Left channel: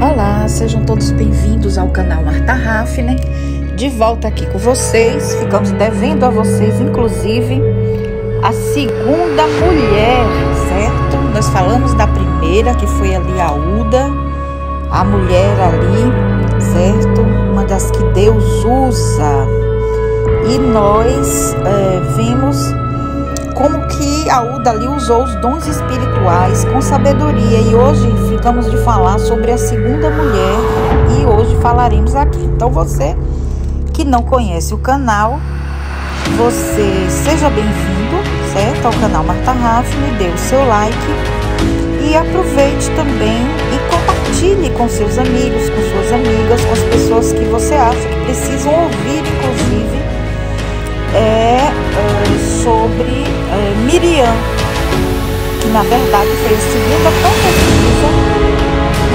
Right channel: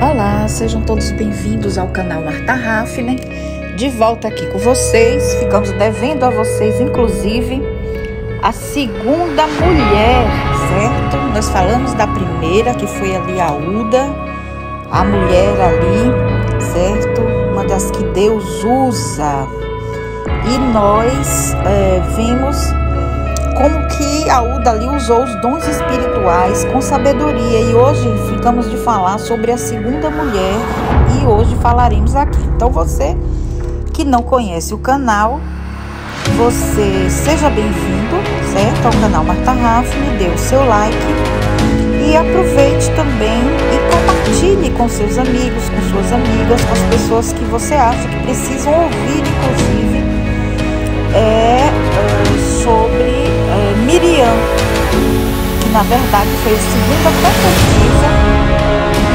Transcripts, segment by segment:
Olá, sejam todos bem-vindos ao canal Marta Hafner. De volta aqui com vocês. Ficamos devendo a vocês, inclusive, a segunda mulher, certo? Nós falamos da primeira, que foi ali a Uda, a mulher ali, certo? Uma das que Deus usa. E nós vimos como que a Uda ali usou os dons espirituais com sabedoria. E hoje ficamos de falar sobre a segunda mulher. E hoje falaremos aqui. Então você que não conhece o canal, você seja bem-vindo, certo? Ao canal Marta Hafner, dê o seu like. E aproveite também e compartilhe com seus amigos, com suas amigas, com as pessoas que você acha que precisam ouvir, inclusive, sobre Miriam, que na verdade foi a segunda profetisa,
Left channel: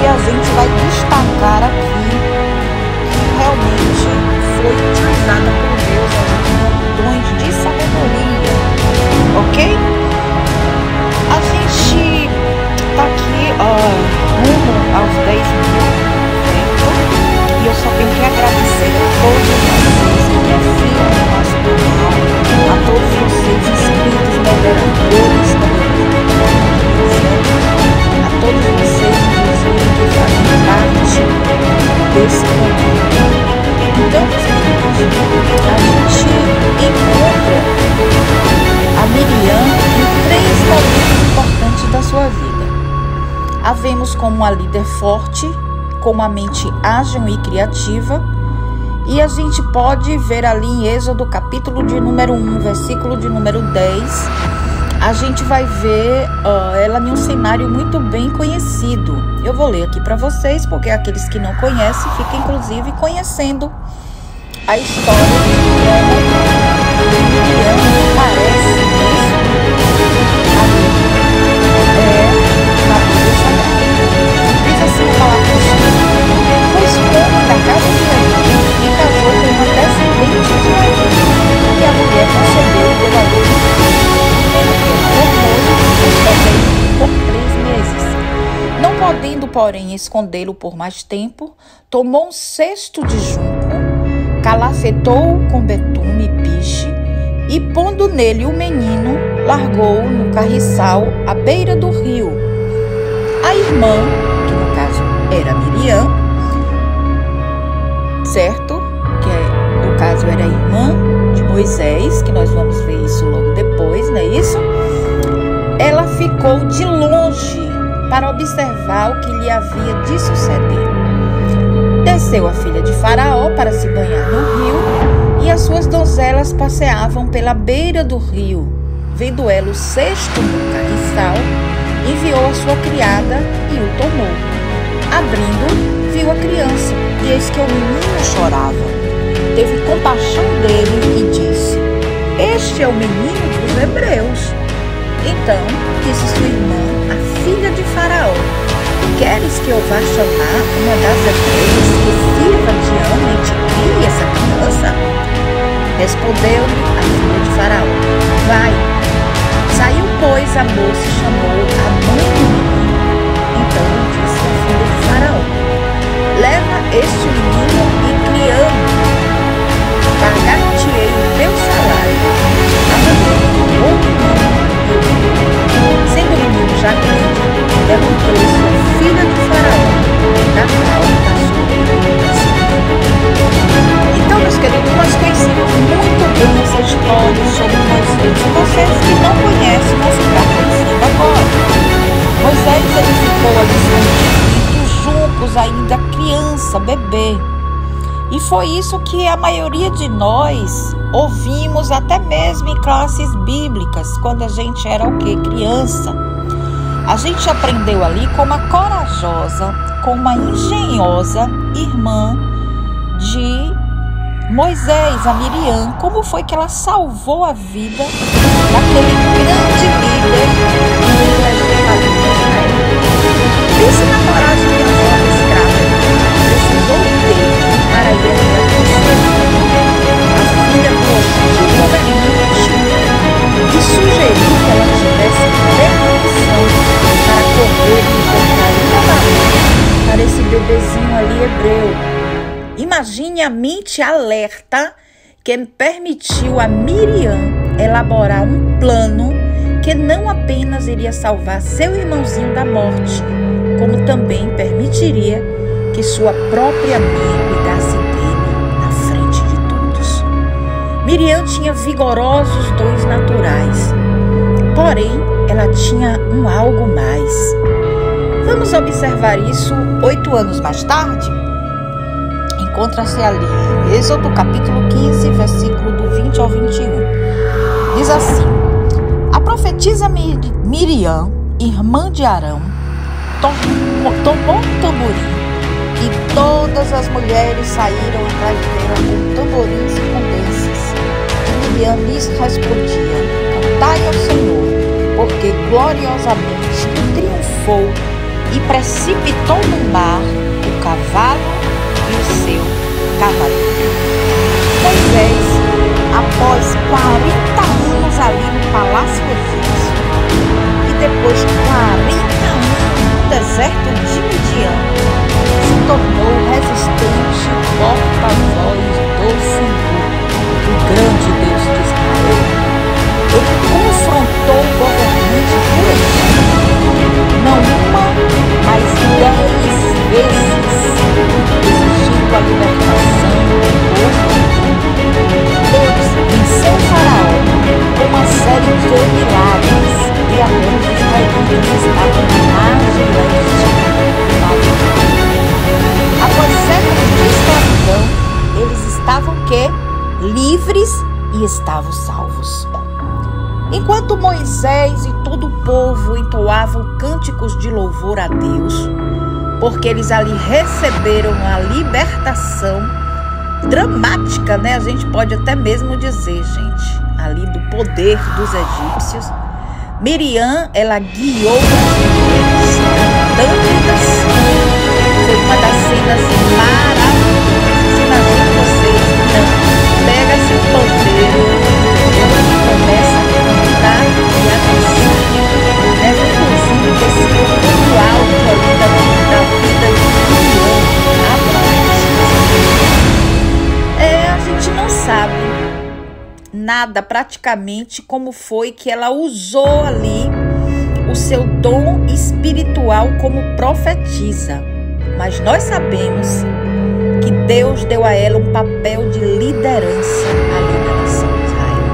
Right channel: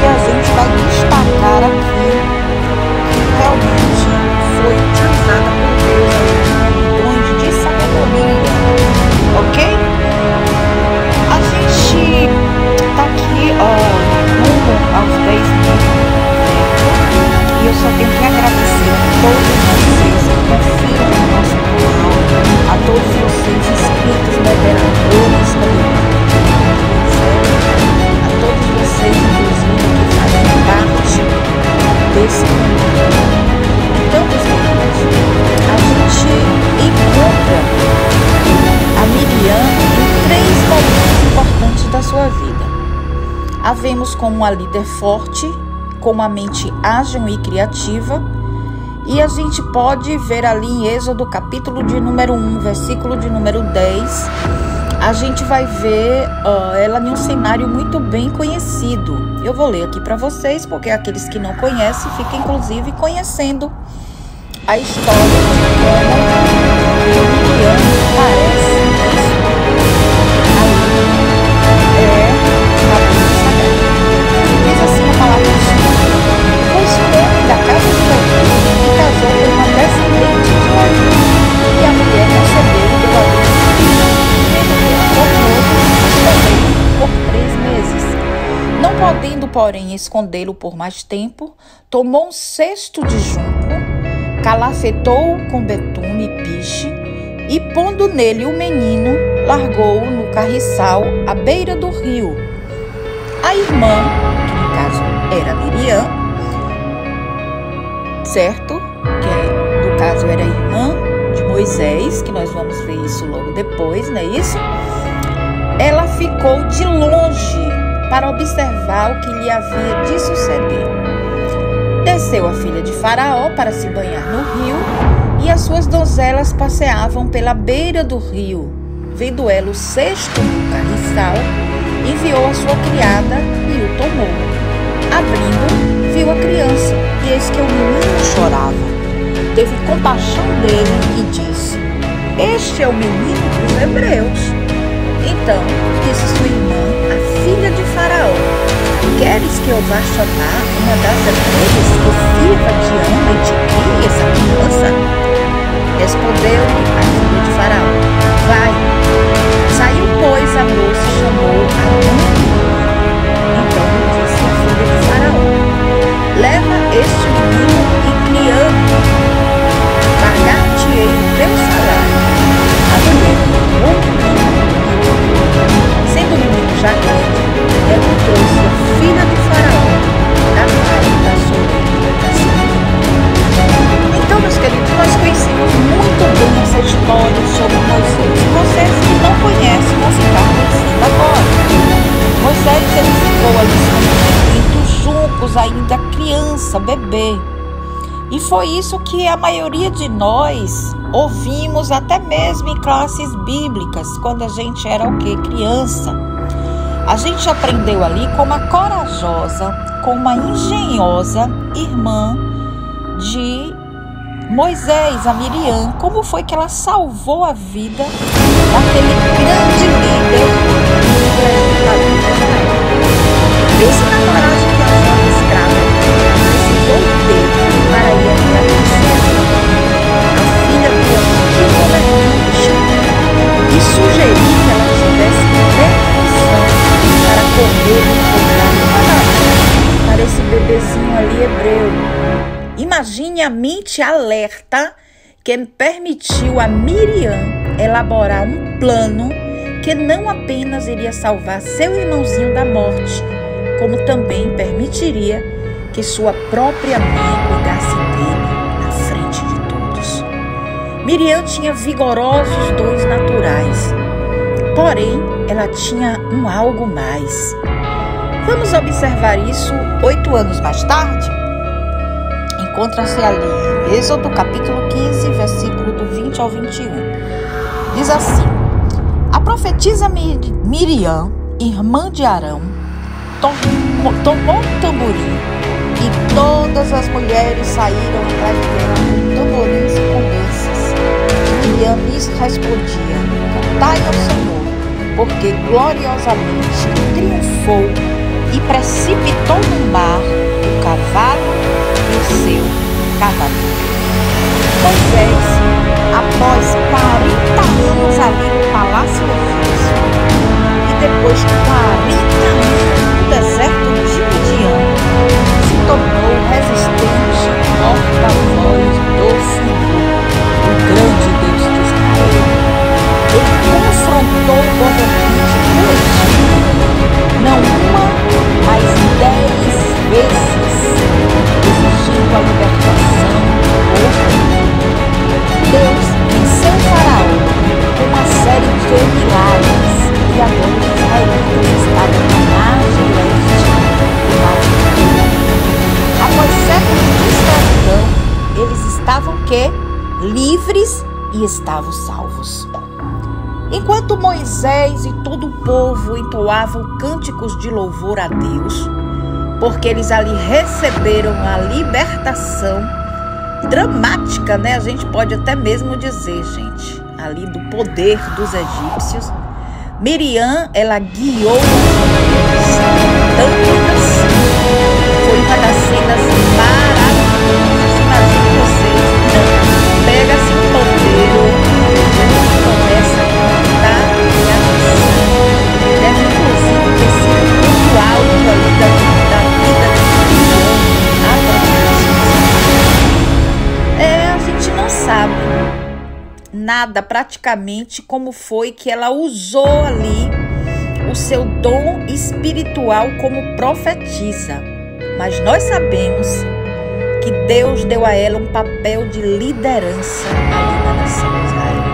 e a gente vai destacar aqui que realmente foi utilizada por Deus com dons de sabedoria, ok? A gente tá aqui rumo aos 10 mil, certo? E eu só tenho que agradecer a todos vocês que confiam no nosso canal, a todos vocês inscritos, moderadores, certo? A todos vocês, inclusive, que fazem parte desse canal. Então, meus queridos, a gente encontra a Miriam em 3 momentos importantes da sua vida. A vemos como uma líder forte, com uma mente ágil e criativa, e a gente pode ver ali em Êxodo, capítulo de número 1, versículo de número 10, a gente vai ver ela em um cenário muito bem conhecido. Eu vou ler aqui para vocês, porque aqueles que não conhecem ficam inclusive conhecendo a história de como Miriam aparece nisso ali na Bíblia Sagrada. Diz assim a palavra do Senhor: foi-se um homem da casa de Levi e casou com uma descendente de Levi, e a mulher concebeu e deu à luz um filho, e vendo que era formoso, escondeu-o por 3 meses. Não podendo, porém, escondê-lo por mais tempo, tomou um cesto de junco, calafetou-o com betume e piche, e pondo nele o menino, largou-o no carriçal à beira do rio. A irmã, que no caso era Miriam, certo? Que no caso era a irmã de Moisés, que nós vamos ver isso logo depois, não é isso? Ela ficou de longe para observar o que lhe havia de suceder. Desceu a filha de Faraó para se banhar no rio, e as suas donzelas passeavam pela beira do rio. Vendo ela o cesto no carriçal, enviou a sua criada e o tomou. Abrindo, viu a criança, e eis que o menino chorava. Teve compaixão dele e disse: este é o menino dos hebreus. Então disse sua irmã, a filha de Faraó: queres que eu vá chamar uma das hebreias que sirva de ama e te crie essa criança? Respondeu-lhe a filha de Faraó: vai. Saiu, pois, a moça e chamou a mãe do menino. Então lhe disse a filha de Faraó: leva este menino e criamo, pagar-te-ei o teu salário. A mulher tomou o menino e o criou. Sendo o menino já grande, ela o trouxe a filha de Faraó, da qual passou ele a seguir. Então, meus queridos, nós conhecemos muito bem essa história sobre Moisés. E vocês que não conhecem vão ficar conhecendo agora. Moisés, ele ficou ali escondido entre os juncos, ainda criança, bebê. E foi isso que a maioria de nós ouvimos até mesmo em classes bíblicas, quando a gente era o quê? Criança. A gente aprendeu ali com uma corajosa, com uma engenhosa irmã de Moisés, a Miriam, como foi que ela salvou a vida daquele grande líder e legislador de Israel. Pense na coragem que a jovem escrava precisou ter para ir até a princesa, a filha do antigo governante, e sugerir que ela tivesse permissão para correr e encontrar uma banana para desse bebezinho ali hebreu. Imagine a mente alerta que permitiu a Miriam elaborar um plano que não apenas iria salvar seu irmãozinho da morte, como também permitiria que sua própria mãe cuidasse dele na frente de todos. Miriam tinha vigorosos dons naturais, porém ela tinha um algo mais. Vamos observar isso 8 anos mais tarde? Encontra-se ali em Êxodo capítulo 15, versículo do 20 ao 21. Diz assim: a profetisa Miriam, irmã de Arão, tomou um tamborim, e todas as mulheres saíram atrás dela com tamborins e com danças. E Miriam lhes respondia: cantai ao Senhor, porque gloriosamente triunfou e precipitou no mar o cavalo e o seu cavaleiro. Moisés, após 40 anos ali no palácio egípcio e depois 40 anos no deserto de Midian, se tornou resistente porta-voz do Senhor, o grande Deus de Israel. Ele confrontou o governante do Egito, não uma, mas 10 vezes, exigindo a libertação do povo. Deus venceu o faraó com uma série de milagres e agora os israelitas estavam na margem leste do Mar Vermelho. Após séculos de escravidão, eles estavam livres e estavam salvos. Enquanto Moisés e todo o povo entoavam cânticos de louvor a Deus, porque eles ali receberam a libertação dramática, né? A gente pode até mesmo dizer, gente, ali do poder dos egípcios. Miriam, ela guiou as mulheres cantando e dançando. Foi uma das cenas maravilhosas. Imagine vocês, pega-se um pandeiro, entendeu? E começa a cantar e a dançar. Deve inclusive ter sido um ponto alto ali da vida de Miriam, a profetisa. A gente não sabe nada praticamente como foi que ela usou ali o seu dom espiritual como profetisa. Mas nós sabemos que Deus deu a ela um papel de liderança ali na nação de Israel.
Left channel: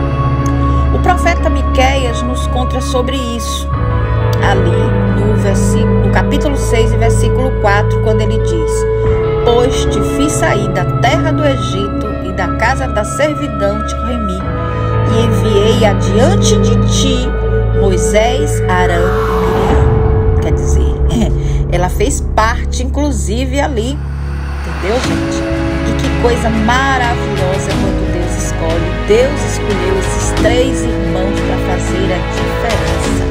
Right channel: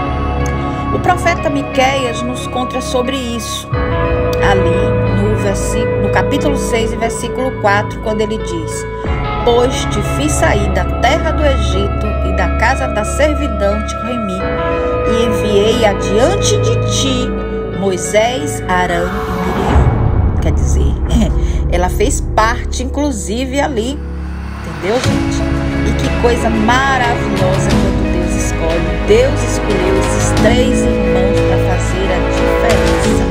O profeta Miqueias nos conta sobre isso, ali no capítulo 6 e versículo 4, quando ele diz: pois te fiz sair da terra do Egito e da casa da servidão te remi, e enviei adiante de ti Moisés, Arão e Miriam. Quer dizer, ela fez parte, inclusive, ali. Entendeu, gente? E que coisa maravilhosa quando Deus escolhe. Deus escolheu esses 3 irmãos para fazer a diferença.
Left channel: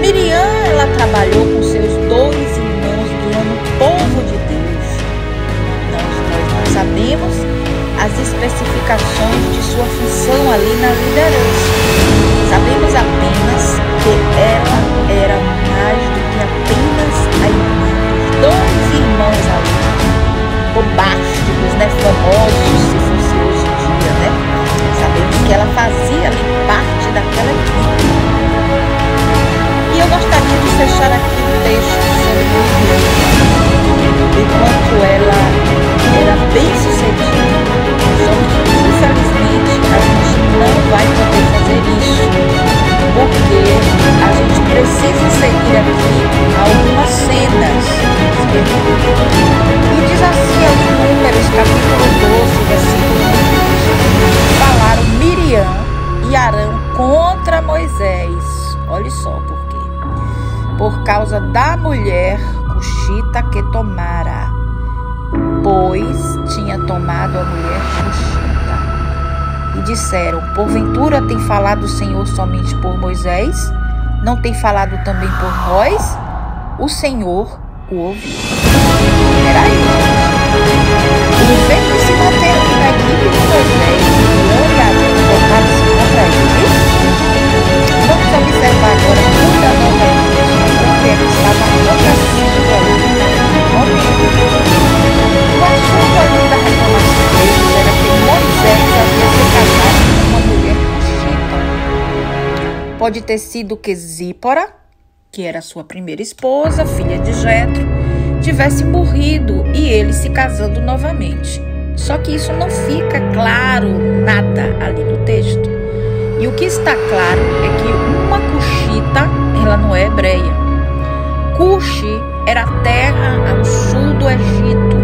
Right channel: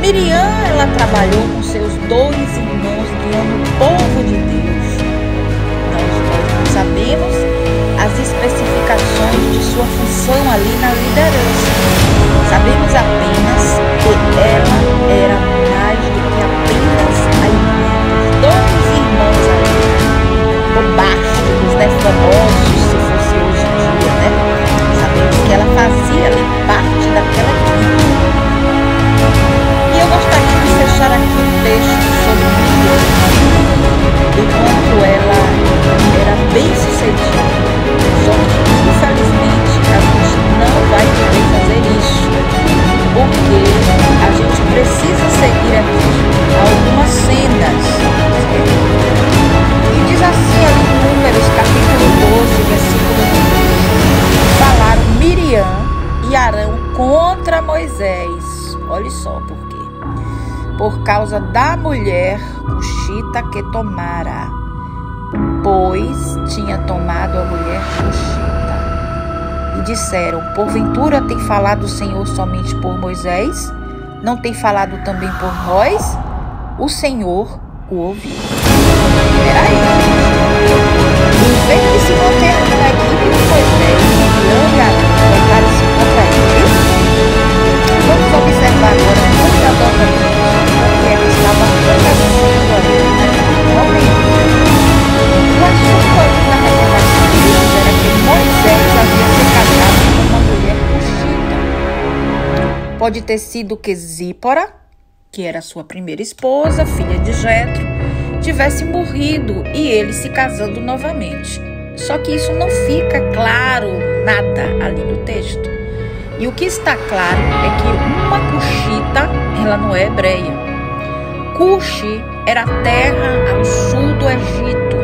Miriam, ela trabalhou com seus 2 irmãos guiando o povo de Deus. Nós não sabemos as especificações de sua função ali na liderança. Sabemos apenas que ela era mais do que apenas a irmã dos 2 irmãos ali, bombásticos, né, famosos, se fosse hoje em dia, né? Sabemos que ela fazia ali parte daquela equipe. E eu gostaria de fechar aqui um texto sobre Miriam, enquanto ela era bem sucedida. Só que, infelizmente, a gente não vai poder fazer isso, porque a gente precisa seguir aqui algumas cenas, certo? E diz assim ali em Números, capítulo 12, versículo 1. Falaram Miriam e Arão contra Moisés. Olha só por quê. Por causa da mulher cuxita que tomara, pois tinha tomado a mulher cuxita. E disseram: porventura tem falado o Senhor somente por Moisés? Não tem falado também por nós? O Senhor o ouviu. Peraí, gente. Em vez de se manter ali na equipe de Moisés, Miriam e Arão voltaram-se contra ele. Vamos observar agora cuidadosamente o que é que estava acontecendo ali naquele momento. Pode ter sido que Zípora, que era sua primeira esposa, filha de Jetro, tivesse morrido e ele se casando novamente. Só que isso não fica claro nada ali no texto. E o que está claro é que uma cuxita, ela não é hebreia. Cuxi era a terra ao sul do Egito.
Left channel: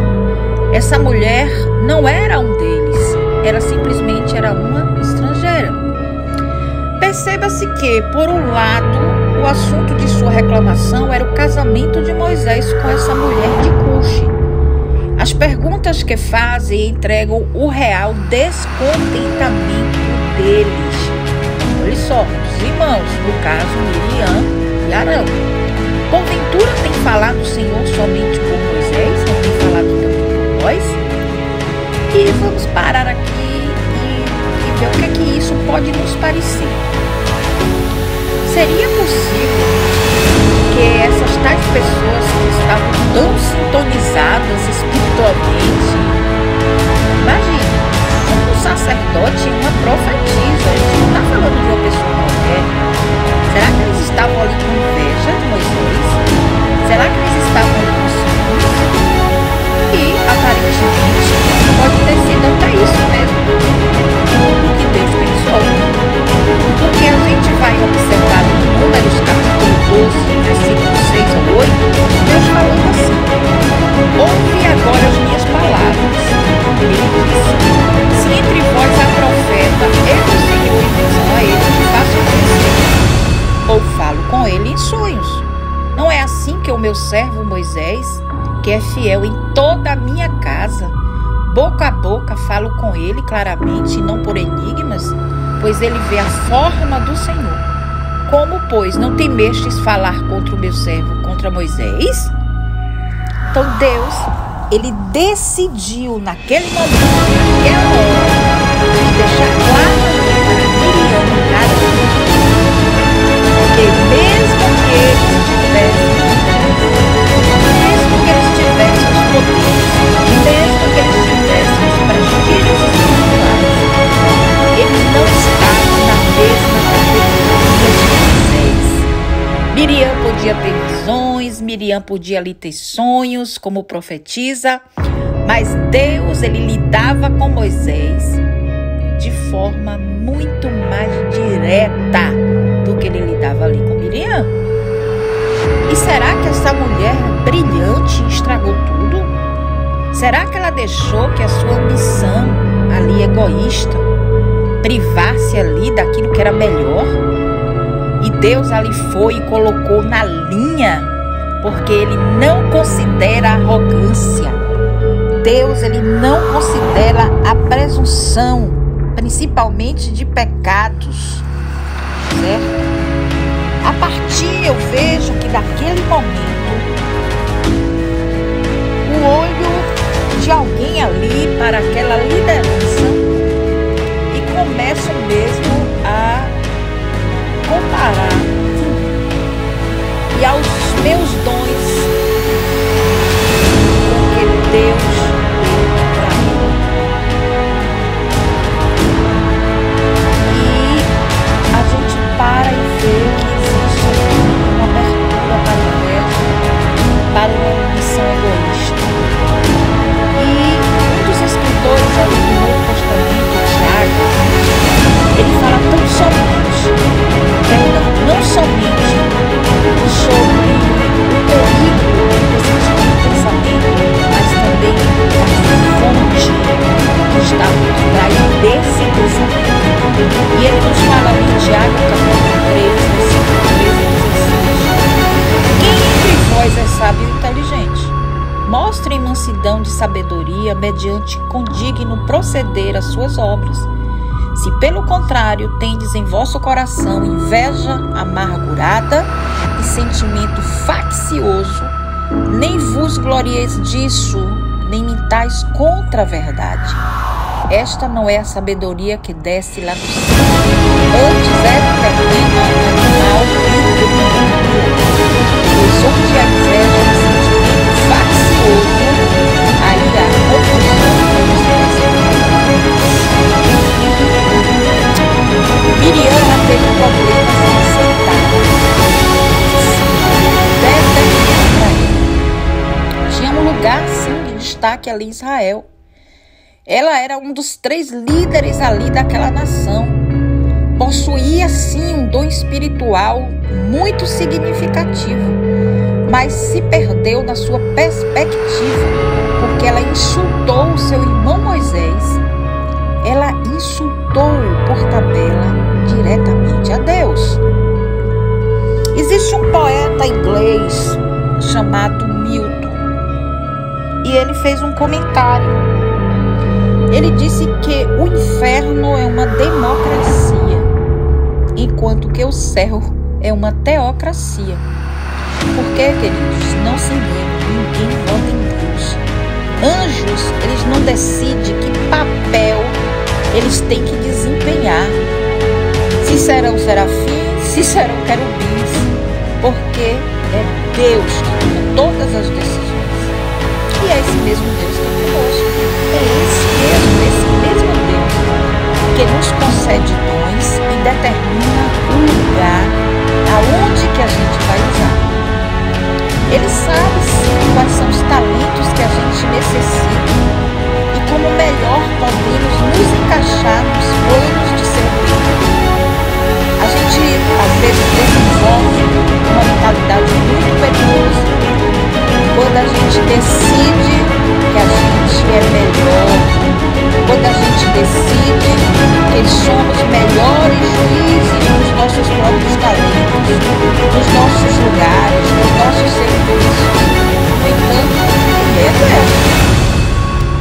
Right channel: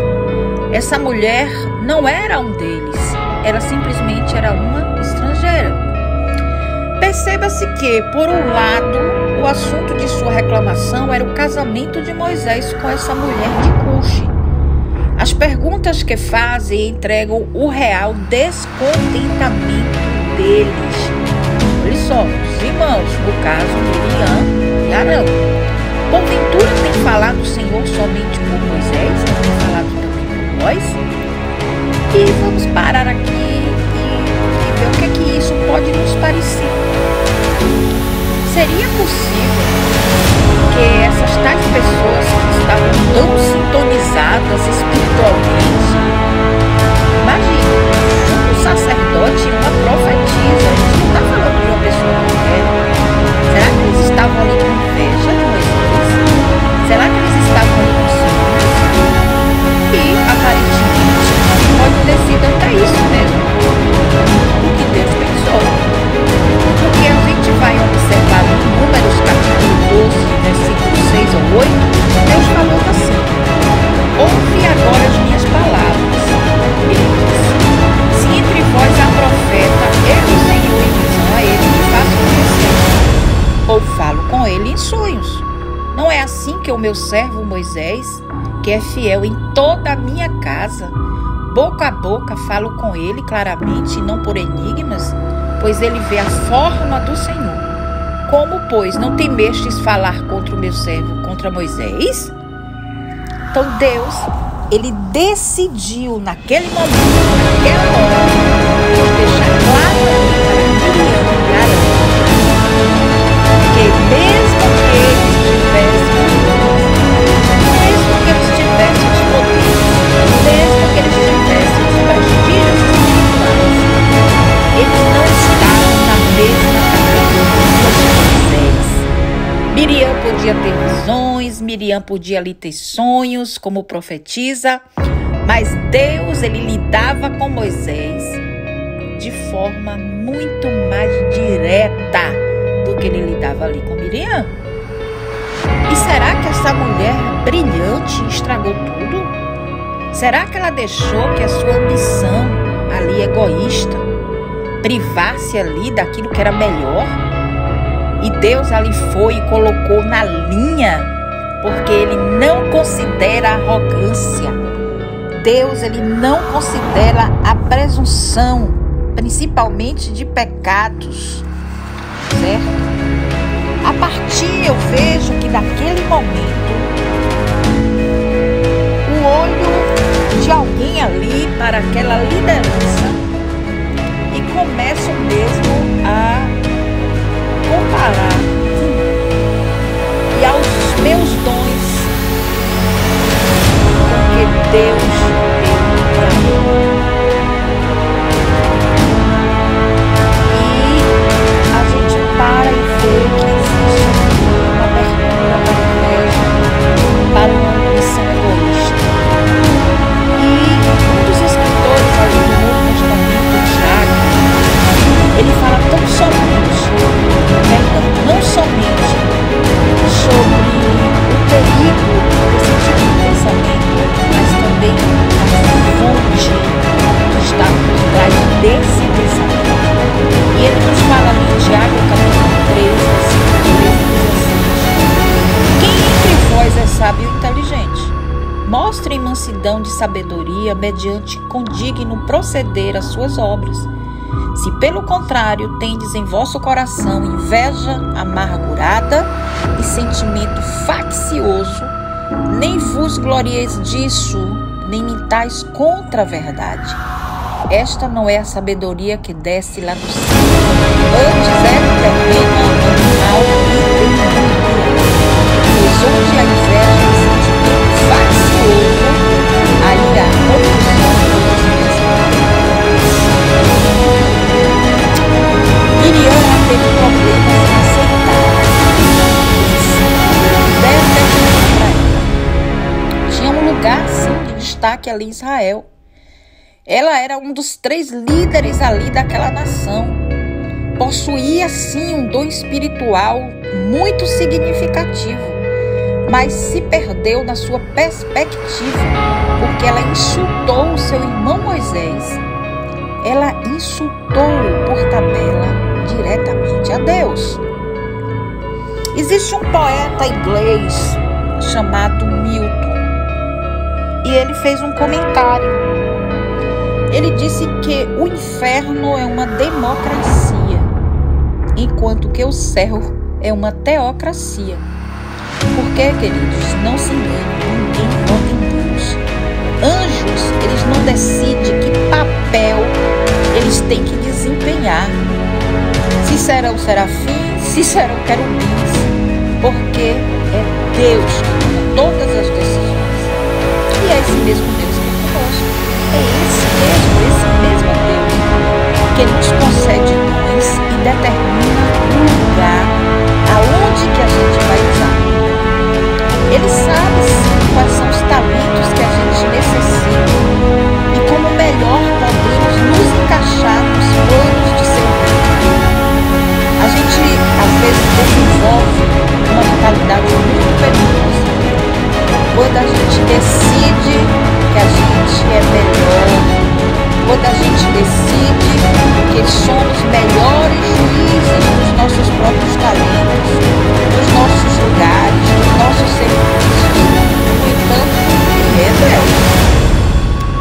Essa mulher não era um deles, ela simplesmente era uma estrangeira. Perceba-se que, por um lado, o assunto de sua reclamação era o casamento de Moisés com essa mulher de Cuxi. As perguntas que fazem entregam o real descontentamento deles. Olha só, os irmãos, no caso Miriam e Arão. Porventura tem falado o Senhor somente por Moisés? Não tem falado também por nós? E vamos parar aqui e ver o que é que isso pode nos parecer. Seria possível que essas tais pessoas que estavam tão sintonizadas espiritualmente, imagine, um sacerdote e uma profetisa, a gente não está falando de uma pessoa qualquer. Será que eles estavam ali com inveja de Moisés? Será que eles estavam ali com ciúmes? E, aparentemente, pode ter sido até isso mesmo o que Deus pensou. Porque a gente vai observar ali em Números capítulo 12, versículos 6 ao 8, Deus falando assim: ouve agora as minhas palavras. Ele disse: se entre vós há profeta, eu, o Senhor, em visão a ele me faço conhecer, ou falo com ele em sonhos. Não é assim que o meu servo Moisés, que é fiel em toda a minha casa, boca a boca falo com ele claramente e não por enigmas, pois ele vê a forma do Senhor. Como, pois, não temestes falar contra o meu servo, contra Moisés? Então Deus, ele decidiu naquele momento, naquela hora, de deixar claro ali para Miriam e Arão, que mesmo que eles tivessem os dons, mesmo que eles tivessem os poderes, mesmo que eles tivessem os prestígios espirituais, eles não estavam na mesma categoria de Moisés. Miriam podia ter visões, Miriam podia ali ter sonhos como profetisa, mas Deus, ele lidava com Moisés de forma muito mais direta do que ele lidava ali com Miriam. E será que essa mulher brilhante estragou tudo? Será que ela deixou que a sua ambição ali egoísta privasse ali daquilo que era melhor? E Deus ali foi e colocou na linha, porque ele não considera arrogância. Deus, ele não considera a presunção, principalmente de pecados, certo? A partir, eu vejo que daquele momento, o olho de alguém ali para aquela liderança e começam mesmo a comparar e aos meus dons com o que Deus deu para ele. E a gente para e vê que existe aqui uma abertura para inveja, para uma ambição egoísta. E um dos escritores ali do Novo Testamento, Tiago, ele fala não somente sobre o perigo desse tipo de pensamento, mas também da fonte que está por trás desse pensamento. E ele nos fala ali em Tiago, capítulo 3, versículo 13 a 16. Quem entre vós é sábio e inteligente? Mostrem mansidão de sabedoria mediante condigno proceder às suas obras. Se pelo contrário tendes em vosso coração inveja amargurada e sentimento faccioso, nem vos glorieis disso, nem mintais contra a verdade. Esta não é a sabedoria que desce lá do céu, antes é terrena, animal e demoníaca. Pois onde a inveja e sentimento faccioso, aí há confusão e desprezo. Miriam teve problemas um lugar, sim, de destaque ali em Israel. Ela era um dos 3 líderes ali daquela nação. Possuía, sim, um dom espiritual muito significativo, mas se perdeu na sua perspectiva, porque ela insultou o seu irmão Moisés. Ela insultou por tabela diretamente a Deus. Existe um poeta inglês chamado Milton, e ele fez um comentário. Ele disse que o inferno é uma democracia, enquanto que o céu é uma teocracia. Porque, queridos, não se enganem, ninguém vota em Deus. Anjos, eles não decidem que papel eles têm que desempenhar. Se serão serafins, se serão querubins, porque é Deus que toma todas as decisões. E é esse mesmo Deus que é conosco. É esse mesmo Deus que nos concede dons e determina o lugar aonde que a gente vai usar. Ele sabe sim quais são os talentos que a gente necessita e como melhor podemos nos encaixar nos planos de seu reino. A gente às vezes desenvolve uma mentalidade muito perigosa quando a gente decide que a gente é melhor, quando a gente decide que somos melhores juízes dos nossos próprios talentos, dos nossos lugares, dos nossos serviços. No entanto, quem é Deus?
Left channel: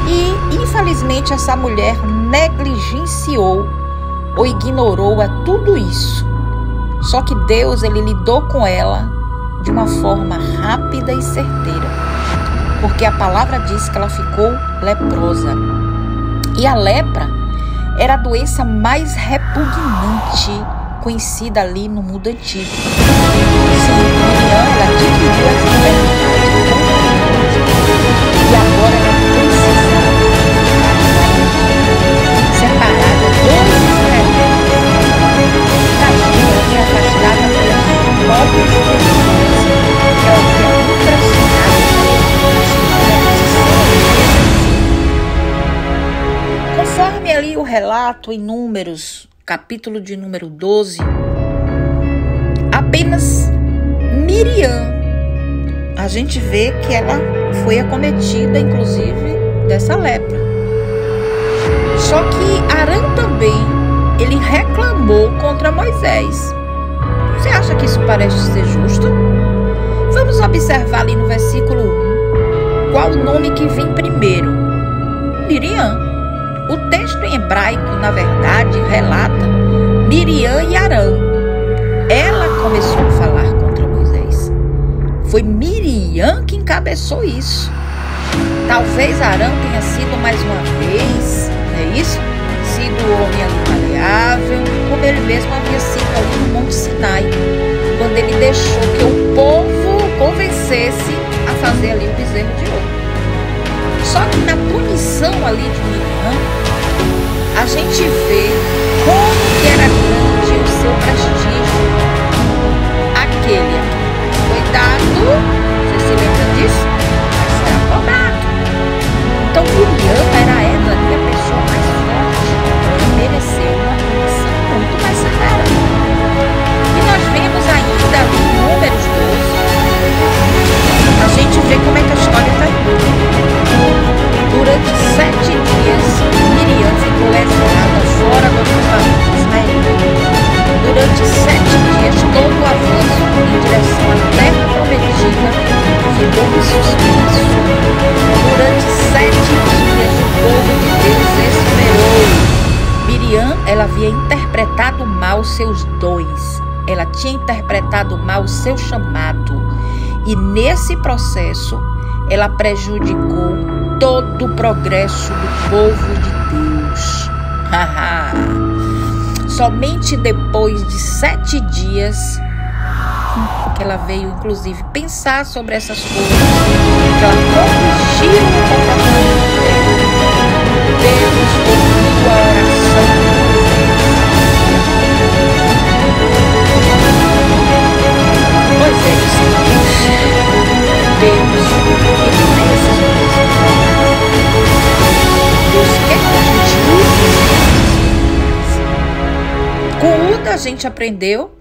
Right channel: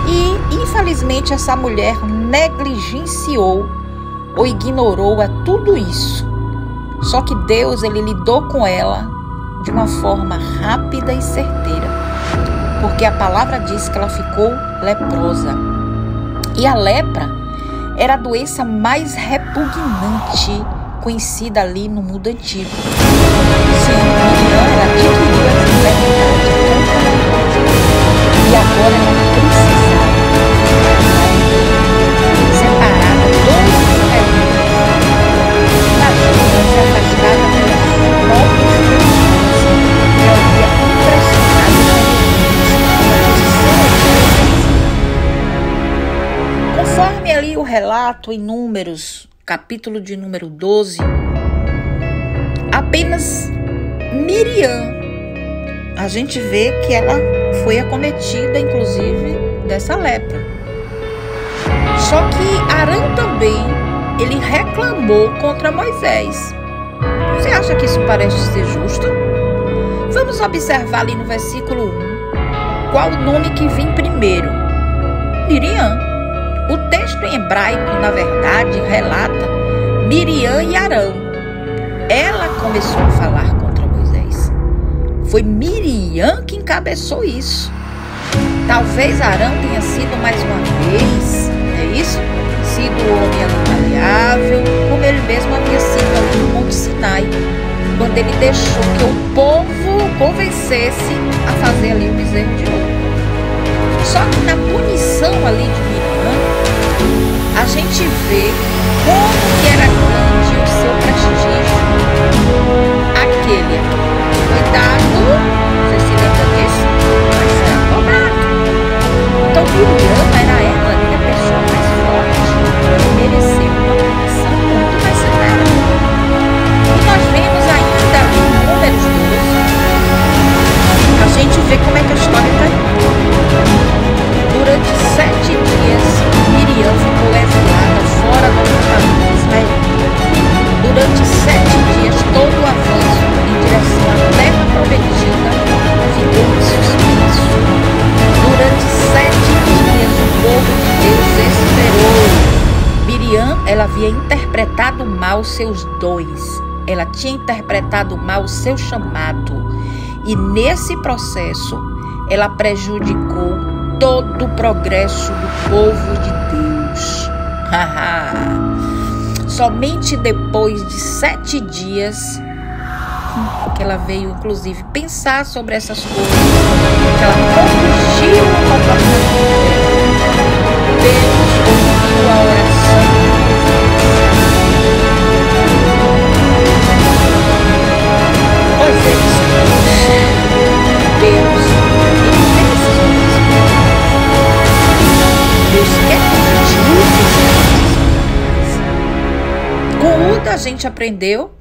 E, infelizmente, essa mulher negligenciou ou ignorou a tudo isso. Só que Deus, ele lidou com ela de uma forma rápida e certeira, porque a palavra diz que ela ficou leprosa. E a lepra era a doença mais repugnante conhecida ali no mundo antigo. Sim, Miriam, ela adquiriu essa enfermidade contagiosa e agora ela precisava ficar quarentena, separada dos israelitas. Imagina, ela foi afastada pelas próprias pessoas que ela havia impressionado os jeremitas pela posição ali que ela exercia. Conforme ali o relato em Números, capítulo de número 12, apenas Miriam, a gente vê que ela foi acometida, inclusive, dessa lepra. Só que Arão também, ele reclamou contra Moisés. Você acha que isso parece ser justo? Vamos observar ali no versículo 1, qual o nome que vem primeiro? Miriam. O texto em hebraico, na verdade, relata Miriam e Arão. Ela começou a falar contra Moisés. Foi Miriam que encabeçou isso. Talvez Arão tenha sido mais uma vez, não é isso? Sido o homem ali maleável, como ele mesmo havia sido ali no Monte Sinai, quando ele deixou que o povo convencesse a fazer ali o bezerro de ouro. Só que na punição ali de Miriam, a gente vê como que era grande o seu prestígio. Aquele a quem foi dado, você se lembra disso? Mas será cobrado. Então Miriam era ela ali a pessoa mais forte. Ela mereceu uma punição muito mais severa. E nós vemos ainda ali em Números 12, a gente vê como é que a história está indo. Durante 7 dias, Miriam ficou exilada fora do acampamento israelita. Durante 7 dias, todo o avanço em direção à terra prometida ficou em suspenso. Durante 7 dias, o povo de Deus esperou. Miriam, ela havia interpretado mal seus dons. Ela tinha interpretado mal o seu chamado. E nesse processo, ela prejudicou todo o progresso do povo de Deus. Somente depois de 7 dias que ela veio, inclusive, pensar sobre essas coisas, que ela corrigiu o comportamento dela. Deus ouviu a oração de Moisés. Moisés, Deus, ele fez use esses dons espirituais. Com Uda a gente aprendeu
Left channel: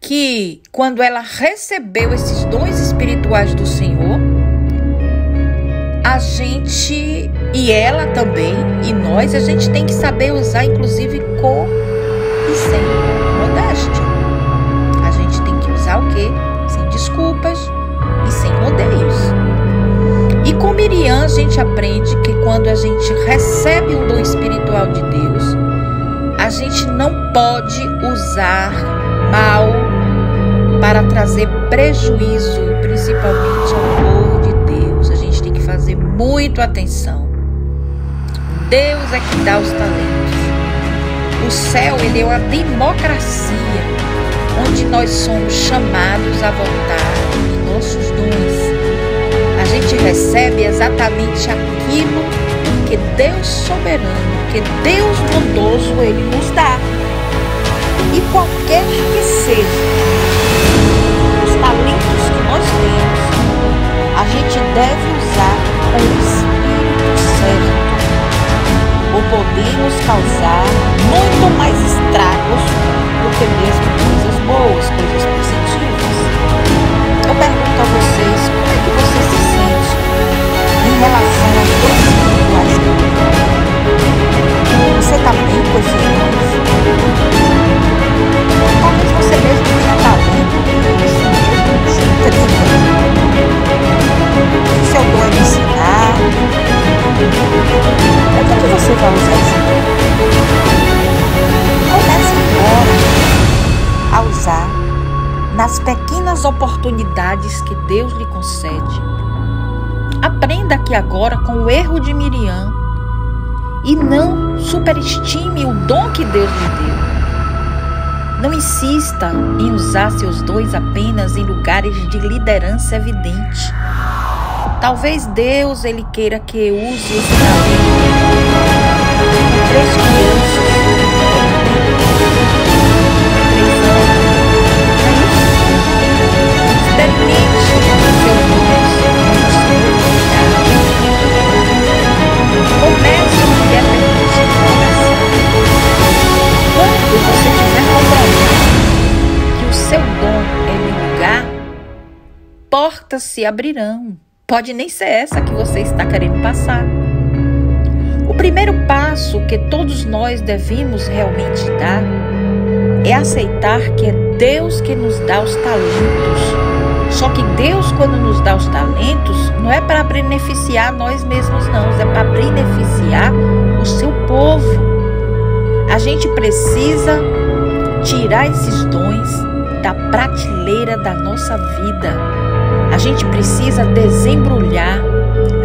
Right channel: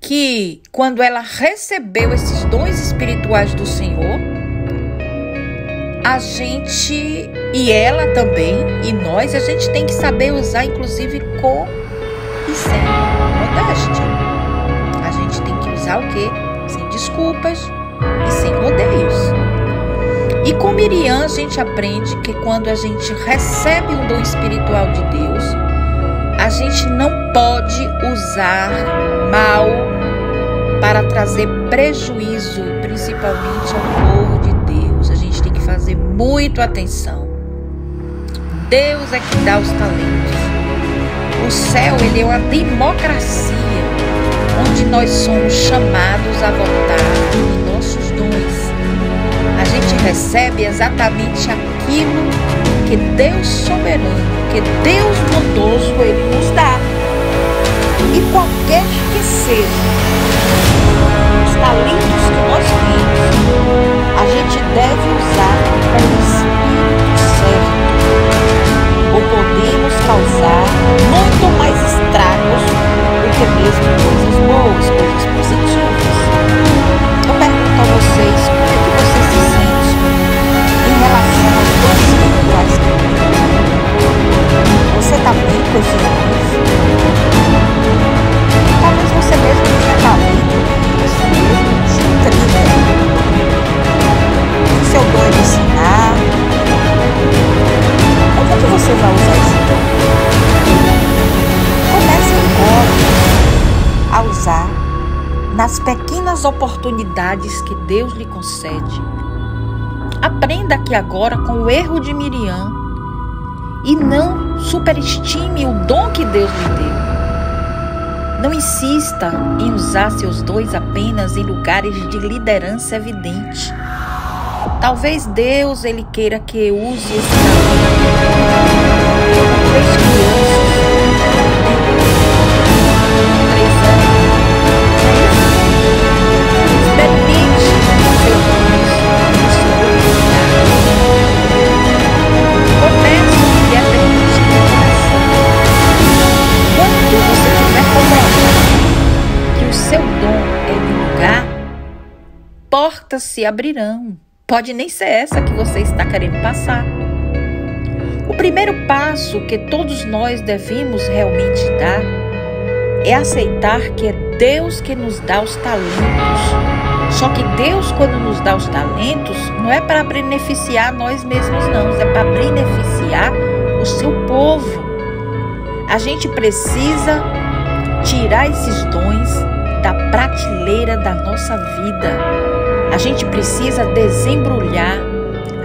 que quando ela recebeu esses dons espirituais do Senhor, a gente, e ela também, e nós, a gente tem que saber usar, inclusive, com e sem modéstia. A gente tem que usar o quê? Sem desculpas e sem rodeios. E com Miriam a gente aprende que quando a gente recebe um dom espiritual de Deus, a gente não pode usar mal para trazer prejuízo, principalmente ao povo de Deus. A gente tem que fazer muito atenção. Deus é que dá os talentos. O céu, ele é uma democracia, onde nós somos chamados a votar em nossos dons. A gente recebe exatamente aquilo que Deus soberano, que Deus bondoso, ele nos dá. E qualquer que seja os talentos que nós temos, a gente deve usar com o Espírito certo, ou podemos causar muito mais estragos do que mesmo coisas boas, coisas positivas. Eu pergunto a vocês, como é que você se sente em relação aos dons espirituais que tem? Você está bem com esses dons? Talvez você mesmo tenha talento, que isso mesmo te intriga. O seu dom é de ensinar. Onde é que você vai usar esse dom? Comece agora a usar nas pequenas oportunidades que Deus lhe concede. Aprenda aqui agora com o erro de Miriam e não superestime o dom que Deus lhe deu. Não insista em usar seus dons apenas em lugares de liderança evidente. Talvez Deus, ele queira que use esse talento com 3 crianças, 3 anos. Não é isso? Experimente seus dons no Senhor lhe dá. Comece o que é permitido começar. Quando você tiver comprovado que o seu dom é de lugar, portas se abrirão. Pode nem ser essa que você está querendo passar. O primeiro passo que todos nós devemos realmente dar é aceitar que é Deus que nos dá os talentos. Só que Deus, quando nos dá os talentos, não é para beneficiar nós mesmos, não. É para beneficiar o seu povo. A gente precisa tirar esses dons da prateleira da nossa vida. A gente precisa desembrulhar,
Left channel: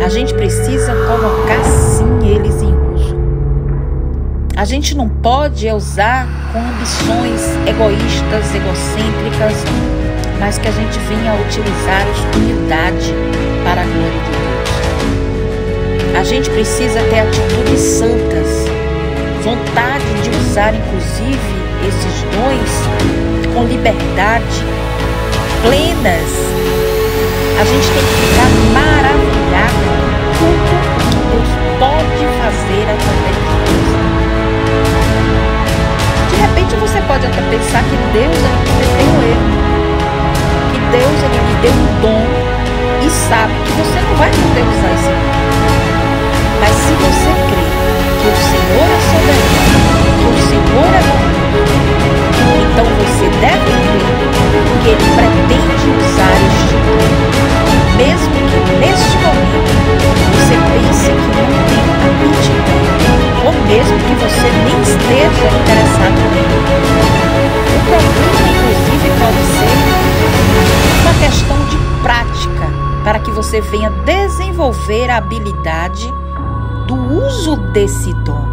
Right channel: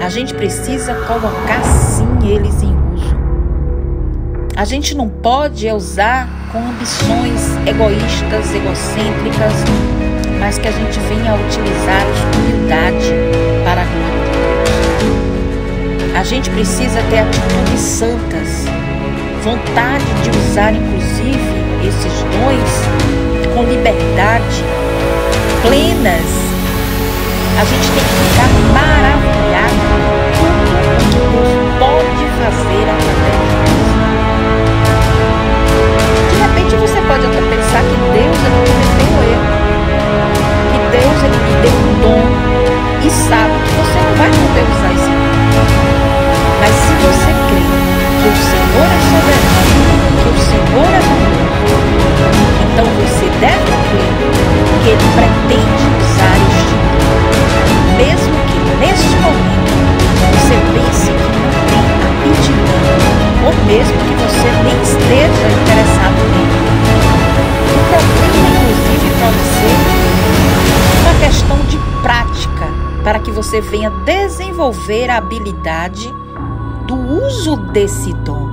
a gente precisa colocar sim eles em uso. A gente não pode usar com ambições egoístas, egocêntricas, mas que a gente venha a utilizá-los com humildade para a glória de Deus. A gente precisa ter atitudes santas, vontade de usar inclusive esses dons com liberdade, plenas. A gente tem que ficar maravilhado com tudo o que Deus pode fazer através de nós. De repente você pode até pensar que Deus ele cometeu um erro, que Deus ele lhe deu um dom e sabe que você não vai poder usar esse dom. Mas se você crê que o Senhor é soberano, que o Senhor é bondoso, então você deve crer que Ele pretende usar este dom. Mesmo que neste momento você pense que não tem aptidão, ou mesmo que você nem esteja interessado nele. O problema, inclusive, pode ser uma questão de prática, para que você venha desenvolver a habilidade do uso desse dom.